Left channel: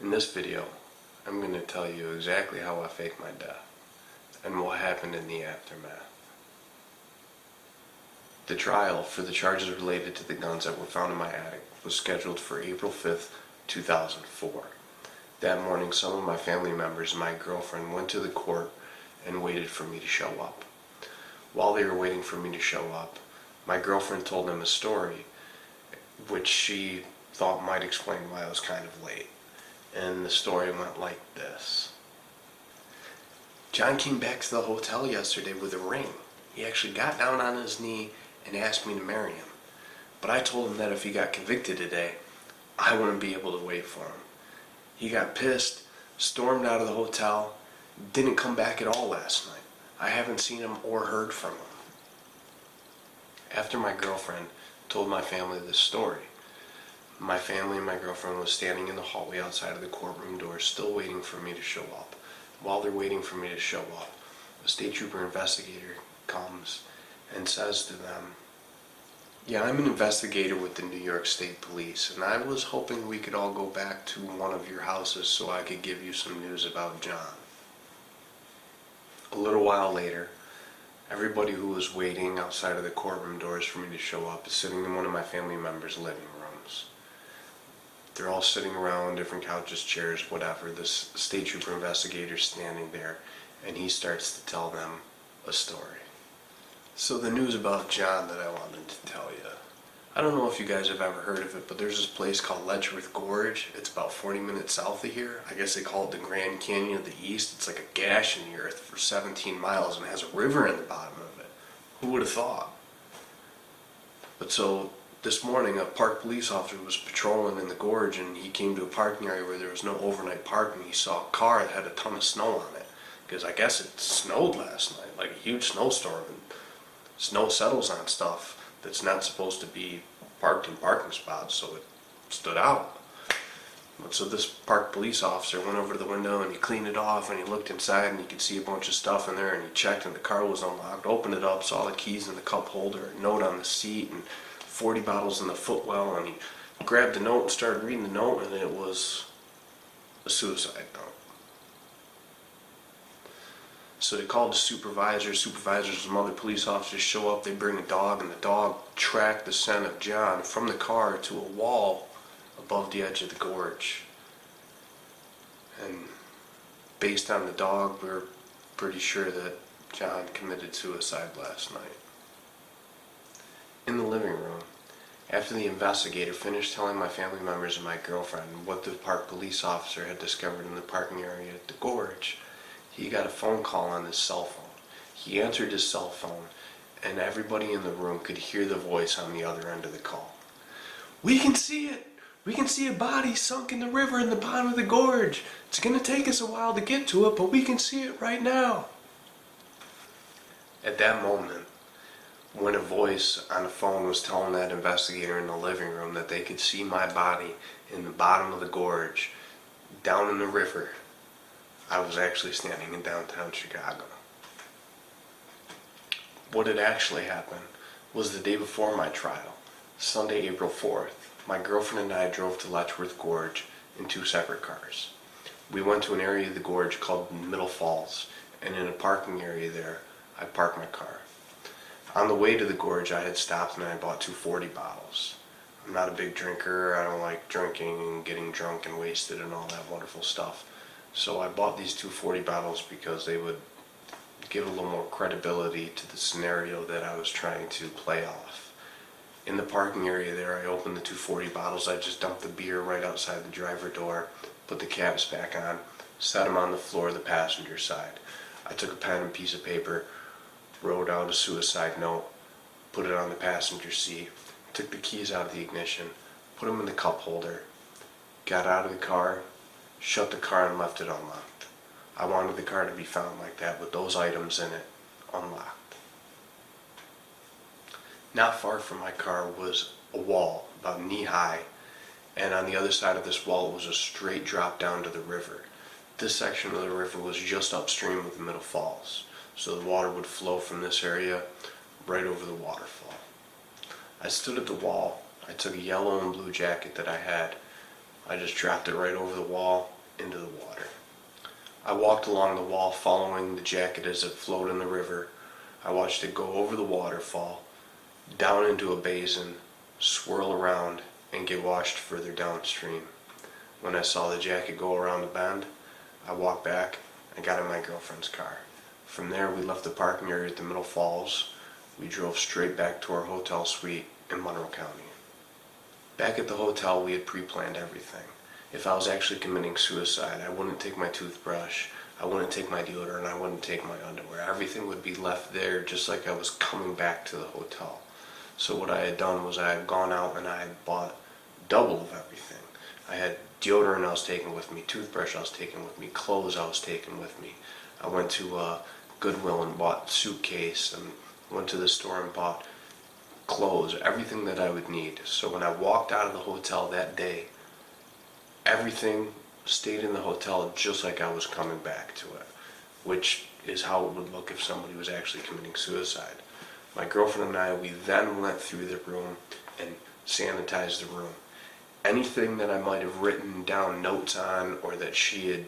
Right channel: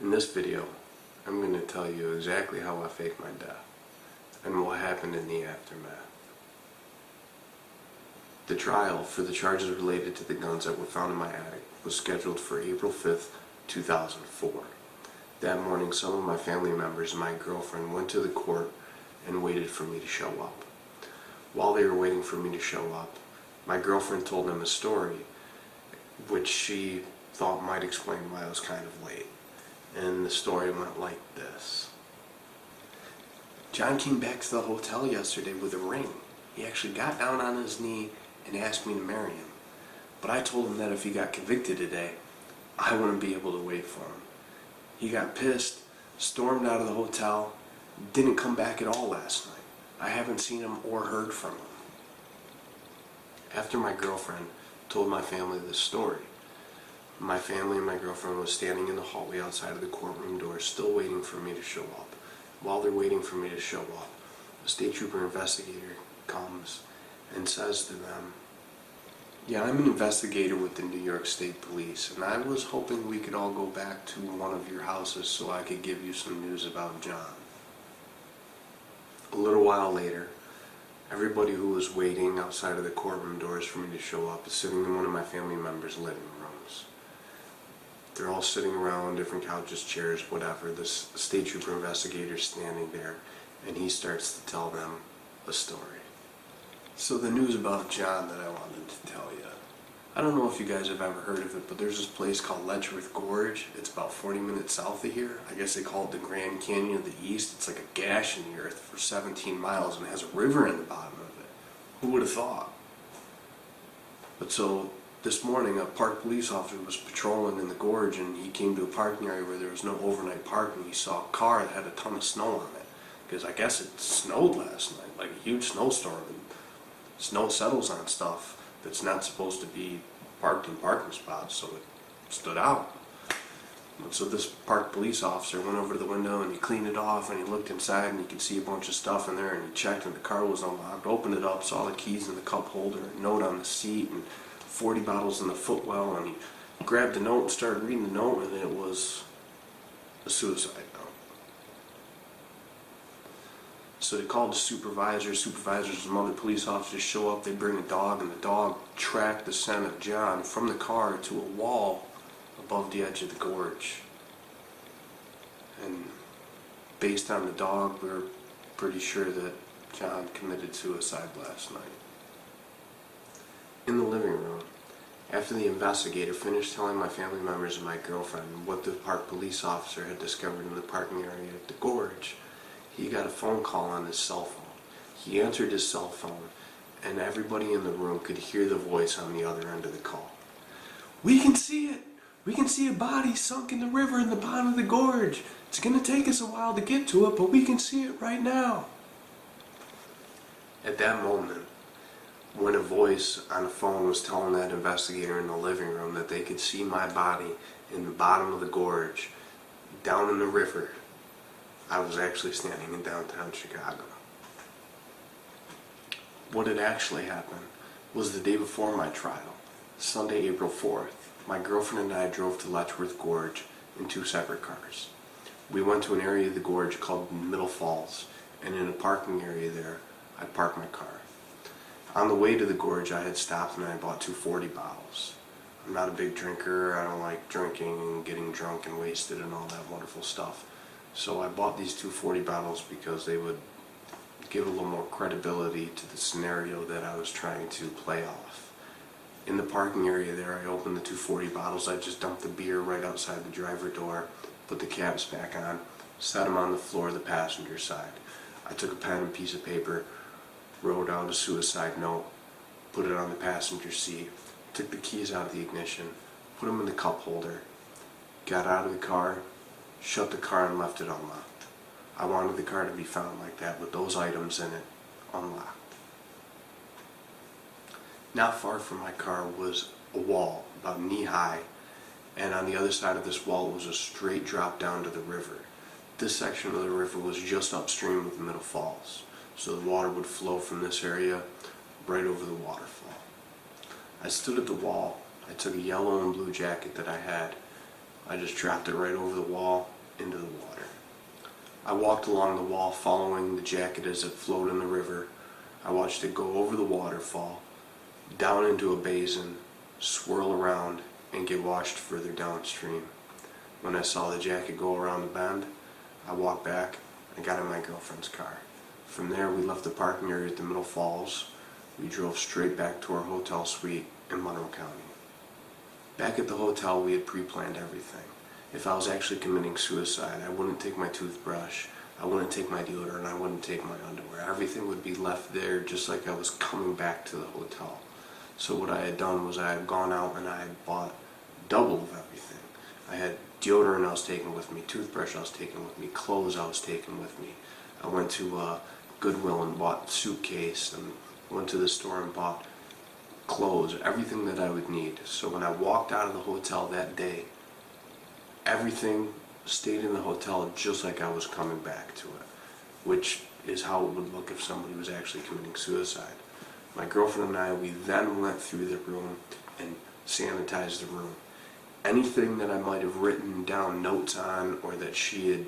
In this video, I'm going to tell you exactly how I faked my death and what happened in the aftermath. The trial for the charges related to the guns that were found in my attic was scheduled for April 5th, 2004. That morning, some of my family members and my girlfriend went to the court and waited for me to show up. While they were waiting for me to show up, my girlfriend told them a story which she thought might explain why I was kind of late. And the story went like this. John came back to the hotel yesterday with a ring. He actually got down on his knee and asked me to marry him. But I told him that if he got convicted today, I wouldn't be able to wait for him. He got pissed, stormed out of the hotel, didn't come back at all last night. I haven't seen him or heard from him. After my girlfriend told my family this story, my family and my girlfriend was standing in the hallway outside of the courtroom door, still waiting for me to show up. While they're waiting for me to show up, a state trooper investigator comes and says to them, "Yeah, I'm an investigator with the New York State Police, and I was hoping we could all go back to one of your houses so I could give you some news about John." A little while later, everybody who was waiting outside of the courtroom doors for me to show up is sitting in one of my family members' living rooms. They're all sitting around, different couches, chairs, whatever. This state trooper investigator's standing there, and he starts to tell them a story. So the news about John that I wanted to tell you. I don't know if you guys have ever heard of it, but there's this place called Letchworth Gorge. It's about 40 minutes south of here. I guess they call it the Grand Canyon of the East. It's like a gash in the earth for 17 miles and it has a river in the bottom of it. Who would have thought? But so this morning a park police officer was patrolling in the gorge and he came to a parking area where there was no overnight parking. He saw a car that had a ton of snow on it because I guess it snowed last night, like a huge snowstorm, and snow settles on stuff that's not supposed to be parked in parking spots, so it stood out. But so this park police officer went over to the window and he cleaned it off and he looked inside and he could see a bunch of stuff in there and he checked and the car was unlocked, opened it up, saw the keys in the cup holder, a note on the seat and 40 bottles in the footwell, and he grabbed the note and started reading the note, and it was a suicide note. So they called the supervisors and some other police officers show up, they bring a dog, and the dog tracked the scent of John from the car to a wall above the edge of the gorge. And based on the dog, we're pretty sure that John committed suicide last night. In the living room, after the investigator finished telling my family members and my girlfriend what the park police officer had discovered in the parking area at the gorge, he got a phone call on his cell phone. He answered his cell phone, and everybody in the room could hear the voice on the other end of the call. "We can see it! We can see a body sunk in the river in the bottom of the gorge. It's going to take us a while to get to it, but we can see it right now." At that moment, when a voice on the phone was telling that investigator in the living room that they could see my body in the bottom of the gorge, down in the river, I was actually standing in downtown Chicago. What had actually happened was the day before my trial, Sunday, April 4th, my girlfriend and I drove to Letchworth Gorge in two separate cars. We went to an area of the gorge called Middle Falls, and in a parking area there, I parked my car. On the way to the gorge, I had stopped and I bought 240 bottles. I'm not a big drinker. I don't like drinking and getting drunk and wasted and all that wonderful stuff. So I bought these 240 bottles because they would give a little more credibility to the scenario that I was trying to play off. In the parking area there, I opened the 240 bottles. I just dumped the beer right outside the driver door, put the caps back on, set them on the floor of the passenger side. I took a pen and piece of paper, wrote out a suicide note, put it on the passenger seat, took the keys out of the ignition, put them in the cup holder, got out of the car, shut the car and left it unlocked. I wanted the car to be found like that with those items in it unlocked. Not far from my car was a wall about knee high, and on the other side of this wall was a straight drop down to the river. This section of the river was just upstream of the Middle Falls, so the water would flow from this area right over the waterfall. I stood at the wall. I took a yellow and blue jacket that I had, I just dropped it right over the wall into the water. I walked along the wall following the jacket as it flowed in the river. I watched it go over the waterfall, down into a basin, swirl around, and get washed further downstream. When I saw the jacket go around the bend, I walked back and got in my girlfriend's car. From there, we left the parking area at the Middle Falls. We drove straight back to our hotel suite in Monroe County. Back at the hotel, we had pre-planned everything. If I was actually committing suicide, I wouldn't take my toothbrush, I wouldn't take my deodorant, I wouldn't take my underwear. Everything would be left there just like I was coming back to the hotel. So what I had done was I had gone out and I had bought double of everything. I had deodorant I was taking with me, toothbrush I was taking with me, clothes I was taking with me. I went to Goodwill and bought a suitcase, and went to the store and bought clothes, everything that I would need. So when I walked out of the hotel that day, everything stayed in the hotel just like I was coming back to it, which is how it would look if somebody was actually committing suicide. My girlfriend and I, we then went through the room and sanitized the room. Anything that I might have written down notes on, or that she had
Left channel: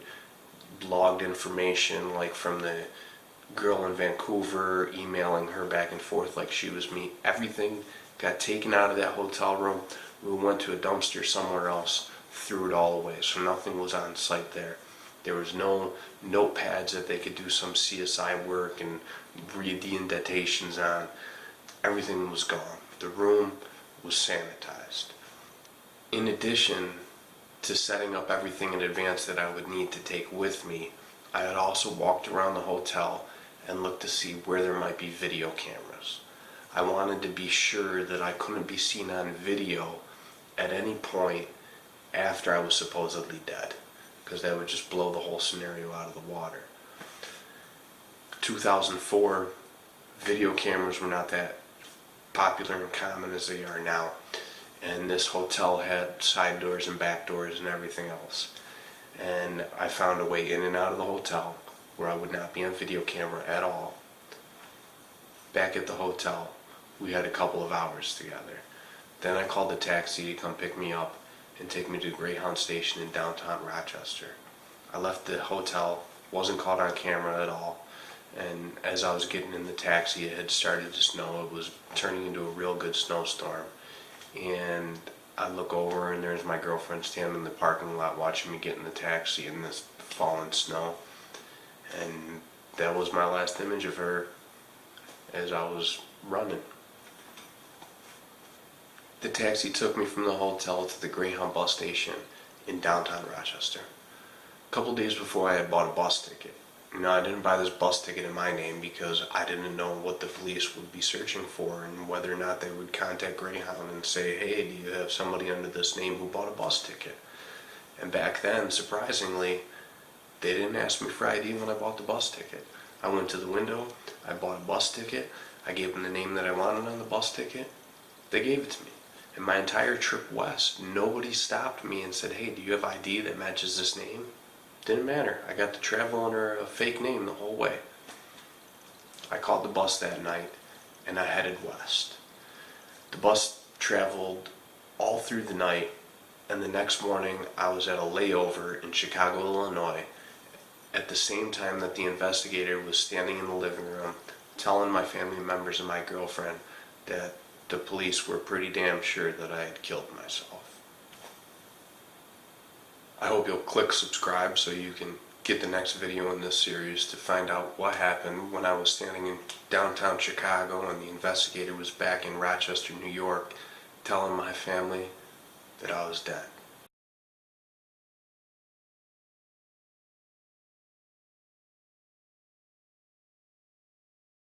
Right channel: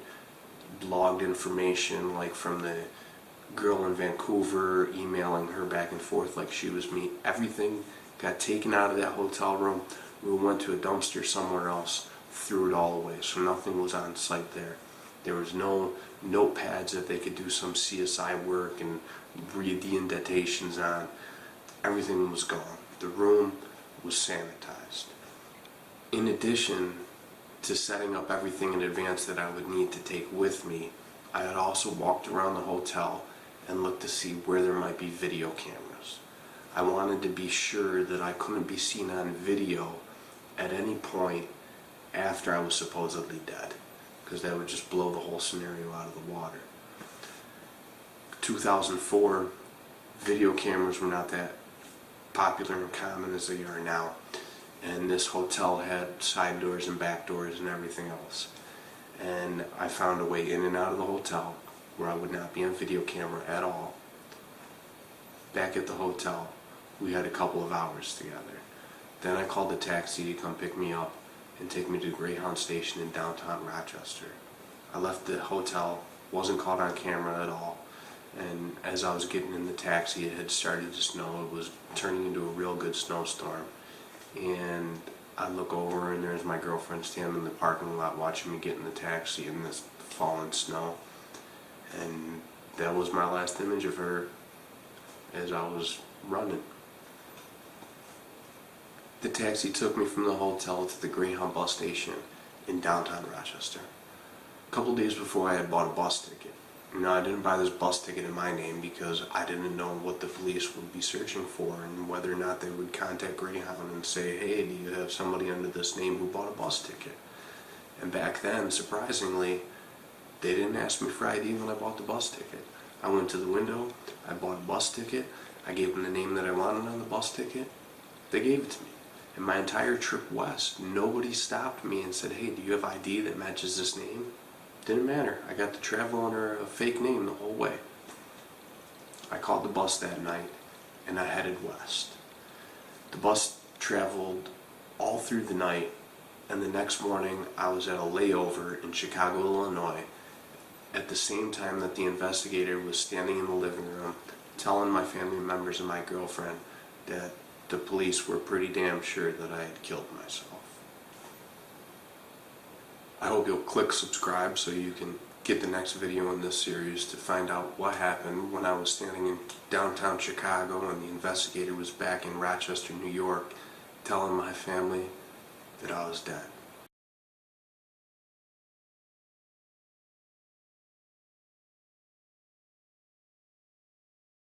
logged information, like from the girl in Vancouver, emailing her back and forth like she was me, everything got taken out of that hotel room. We went to a dumpster somewhere else, threw it all away, so nothing was on site there. There was no notepads that they could do some CSI work and read the indentations on. Everything was gone. The room was sanitized. In addition to setting up everything in advance that I would need to take with me, I had also walked around the hotel and looked to see where there might be video cameras. I wanted to be sure that I couldn't be seen on video at any point after I was supposedly dead, because that would just blow the whole scenario out of the water. 2004, video cameras were not that popular and common as they are now, and this hotel had side doors and back doors and everything else. And I found a way in and out of the hotel where I would not be on video camera at all. Back at the hotel, we had a couple of hours together. Then I called the taxi to come pick me up and take me to Greyhound Station in downtown Rochester. I left the hotel, wasn't caught on camera at all, and as I was getting in the taxi, it had started to snow. It was turning into a real good snowstorm, and I look over and there's my girlfriend standing in the parking lot watching me get in the taxi in this falling snow. And that was my last image of her as I was running. The taxi took me from the hotel to the Greyhound bus station in downtown Rochester. A couple days before, I had bought a bus ticket. Now, I didn't buy this bus ticket in my name because I didn't know what the police would be searching for and whether or not they would contact Greyhound and say, hey, do you have somebody under this name who bought a bus ticket? And back then, surprisingly, they didn't ask me for ID when I bought the bus ticket. I went to the window, I bought a bus ticket, I gave them the name that I wanted on the bus ticket, they gave it to me. And my entire trip west, nobody stopped me and said, hey, do you have ID that matches this name? Didn't matter. I got to travel under a fake name the whole way. I called the bus that night and I headed west. The bus traveled all through the night, and the next morning I was at a layover in Chicago, Illinois, at the same time that the investigator was standing in the living room telling my family members and my girlfriend that the police were pretty damn sure that I had killed myself. I hope you'll click subscribe so you can get the next video in this series to find out what happened when I was standing in downtown Chicago and the investigator was back in Rochester, New York, telling my family that I was dead.